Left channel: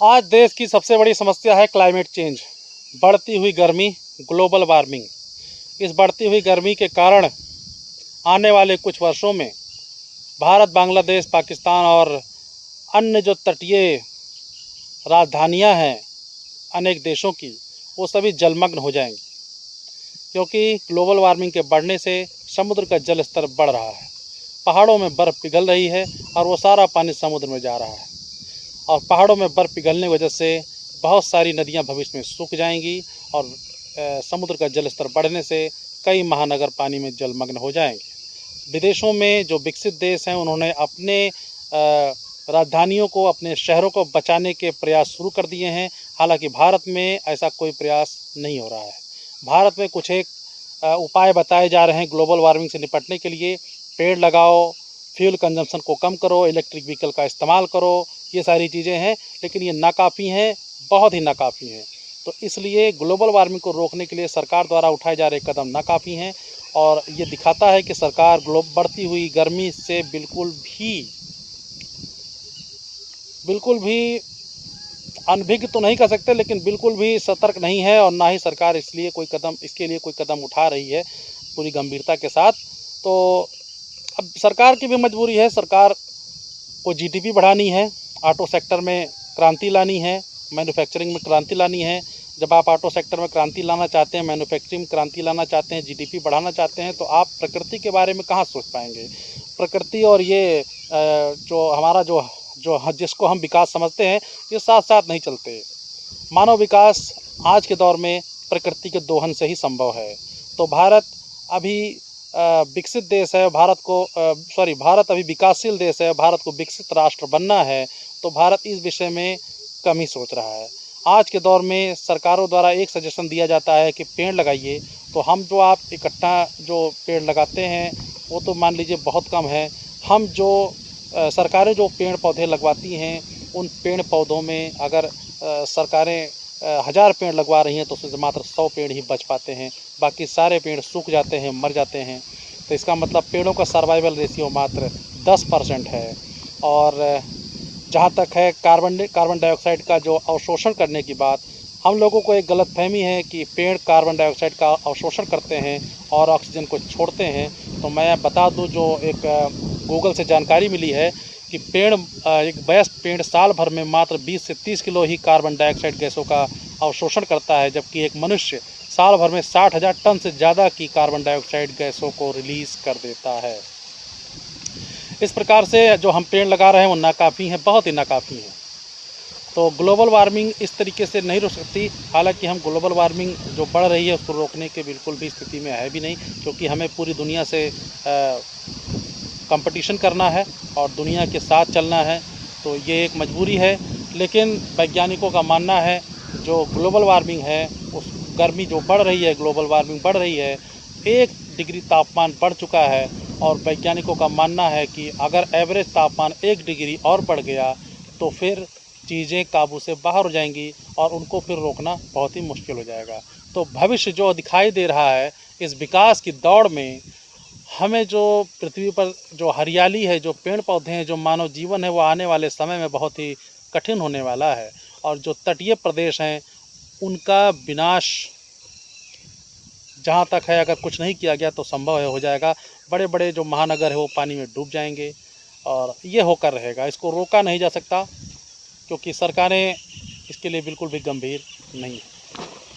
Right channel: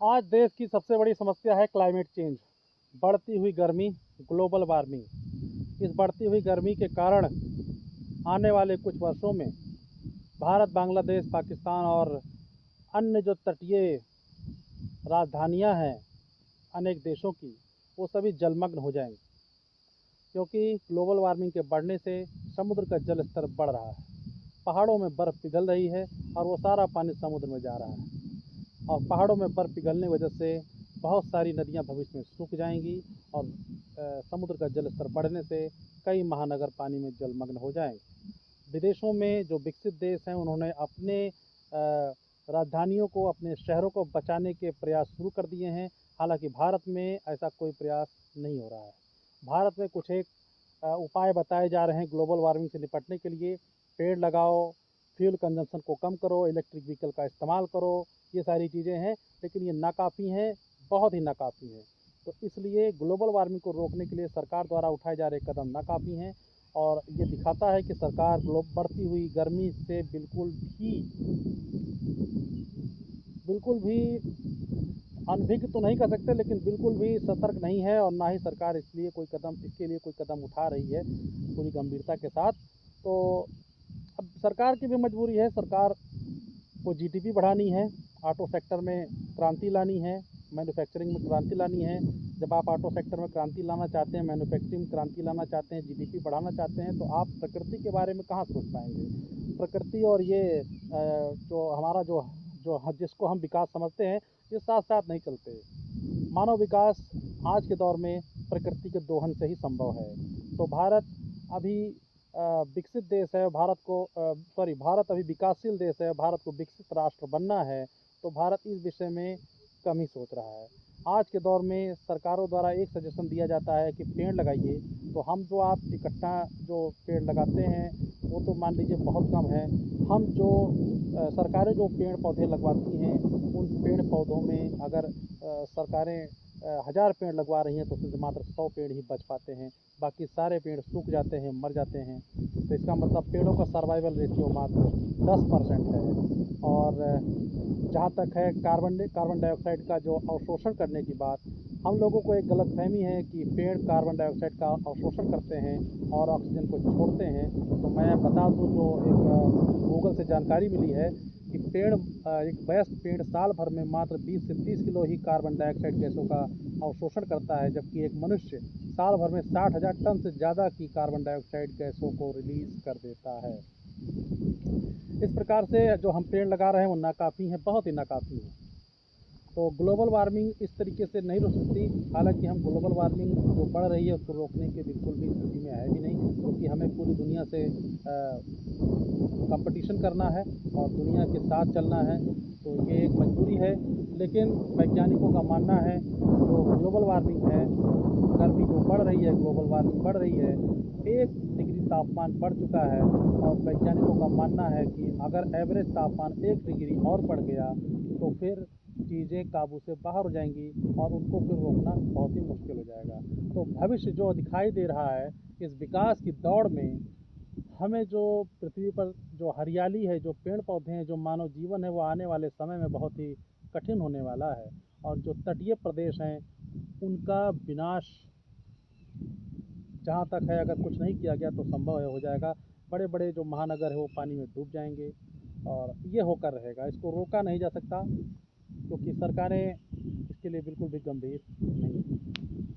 आज देश की सबसे बड़ी समस्या है क्लाइमेट चेंज, बढ़ती हुई गर्मी, ग्लोबल वार्मिंग। इस बढ़ती हुई गर्मी के कारण आने वाले कुछ वर्षों में भारत, बांग्लादेश, पाकिस्तान और अन्य जो तटीय राजधानियां हैं अनेक देशों की, वो सभी जलमग्न हो जाएंगी, क्योंकि ग्लोबल वार्मिंग के बढ़ने से समुद्र का जल स्तर बढ़ रहा है, पहाड़ों में बर्फ़ पिघल रही है और वो सारा पानी समुद्र में जा रहा है। और पहाड़ों में बर्फ़ पिघलने की वजह से बहुत सारी नदियां भविष्य में सूख जाएंगी और समुद्र का जल स्तर बढ़ने से कई महानगर पानी में जलमग्न हो जाएंगे। विदेशों में जो विकसित देश हैं, उन्होंने अपने राजधानियों को, अपने शहरों को बचाने के प्रयास शुरू कर दिए हैं। हालांकि भारत में ऐसा कोई प्रयास नहीं हो रहा है। भारत में कुछ एक उपाय बताए जा रहे हैं ग्लोबल वार्मिंग से निपटने के लिए। पेड़ लगाओ, फ्यूल कंजम्पशन को कम करो, इलेक्ट्रिक व्हीकल का इस्तेमाल करो, ये सारी चीज़ें हैं, लेकिन ये नाकाफ़ी हैं, बहुत ही नाकाफ़ी हैं। तो इसलिए ग्लोबल वार्मिंग को रोकने के लिए सरकार द्वारा उठाए जा रहे कदम नाकाफ़ी हैं और ये दिखाता है कि सरकार बढ़ती हुई गर्मी से बिल्कुल भी अनभिज्ञ तो नहीं कह सकते, लेकिन बिल्कुल भी सतर्क नहीं है और ना ही सरकार इसके लिए कोई कदम उठा रही है पूरी गंभीरता के साथ। तो अब सरकार की भी मजबूरी है, सरकार को जीडीपी बढ़ानी है, ऑटो सेक्टर में क्रांति लानी है, मैन्युफैक्चरिंग में क्रांति लानी है। जब आप ऑटो सेक्टर में क्रांति लाना चाहते हैं, मैन्युफैक्चरिंग में क्रांति लाना चाहते हैं, जीडीपी बढ़ाना चाहते हैं, तो आप प्रकृति के बारे में कहाँ सोच पाएंगे। प्रकृति और ये जो हमारा जो जो जिसको हम विकास समझते हैं, ये साथ साथ नहीं चलते। मानव विकास आज के दौर में प्रकृति के दोहन से ही संभव है। तो भारत अभी विकसित देश है, भारत अभी विकासशील देश है, भारत को विकसित राष्ट्र बनना है, तो भारत इस विषय में कम ही सोच रहा है। आज के दौर में सरकारों द्वारा एक सजेशन दिया जाता है कि पेड़ लगाइए, तो हम जो आप इकट्ठा जो पेड़ लगाते हैं वो तो मान लीजिए बहुत कम है। हम जो सरकारें जो पेड़ पौधे लगवाती हैं, उन पेड़ पौधों में अगर सरकारें 1000 पेड़ लगवा रही हैं तो उसमें से मात्र 100 पेड़ ही बच पाते हैं, बाकी सारे पेड़ सूख जाते हैं, मर जाते हैं। तो इसका मतलब पेड़ों का सर्वाइवल रेशियो मात्र 10% है। और जहाँ तक है कार्बन डाइऑक्साइड का जो अवशोषण करने की बात, हम लोगों को एक गलतफहमी है कि पेड़ कार्बन डाइऑक्साइड का अवशोषण करते हैं और ऑक्सीजन को छोड़ते हैं। तो मैं बता दूं, जो एक गूगल से जानकारी मिली है कि एक वयस्क पेड़ साल भर में मात्र 20 से 30 किलो ही कार्बन डाइऑक्साइड गैसों का अवशोषण करता है, जबकि एक मनुष्य साल भर में 60,000 टन से ज़्यादा की कार्बन डाइऑक्साइड गैसों को रिलीज़ कर देता है। इस प्रकार से जो हम पेड़ लगा रहे हैं वो नाकाफ़ी हैं, बहुत ही नाकाफ़ी हैं। तो ग्लोबल वार्मिंग इस तरीके से नहीं रोक सकती। हालांकि हम ग्लोबल वार्मिंग जो बढ़ रही है उसको रोकने के बिल्कुल भी स्थिति में है भी नहीं, क्योंकि हमें पूरी दुनिया से कंपटीशन करना है और दुनिया के साथ चलना है, तो ये एक मजबूरी है। लेकिन वैज्ञानिकों का मानना है जो ग्लोबल वार्मिंग है, उस गर्मी जो बढ़ रही है, ग्लोबल वार्मिंग बढ़ रही है, 1 डिग्री तापमान बढ़ चुका है और वैज्ञानिकों का मानना है कि अगर एवरेज तापमान 1 डिग्री और बढ़ गया तो फिर चीज़ें काबू से बाहर हो जाएंगी और उनको फिर रोकना बहुत ही मुश्किल हो जाएगा। तो भविष्य जो दिखाई दे रहा है इस विकास की दौड़ में, हमें जो पृथ्वी पर जो हरियाली है, जो पेड़ पौधे हैं, जो मानव जीवन है, वो आने वाले समय में बहुत ही कठिन होने वाला है। और जो तटीय प्रदेश हैं उनका विनाश जहाँ तक है, अगर कुछ नहीं किया गया तो संभव है हो जाएगा। बड़े बड़े जो महानगर है वो पानी में डूब जाएंगे और ये होकर रहेगा। इसको रोका नहीं जा सकता, क्योंकि सरकारें इसके लिए बिल्कुल भी गंभीर नहीं हैं।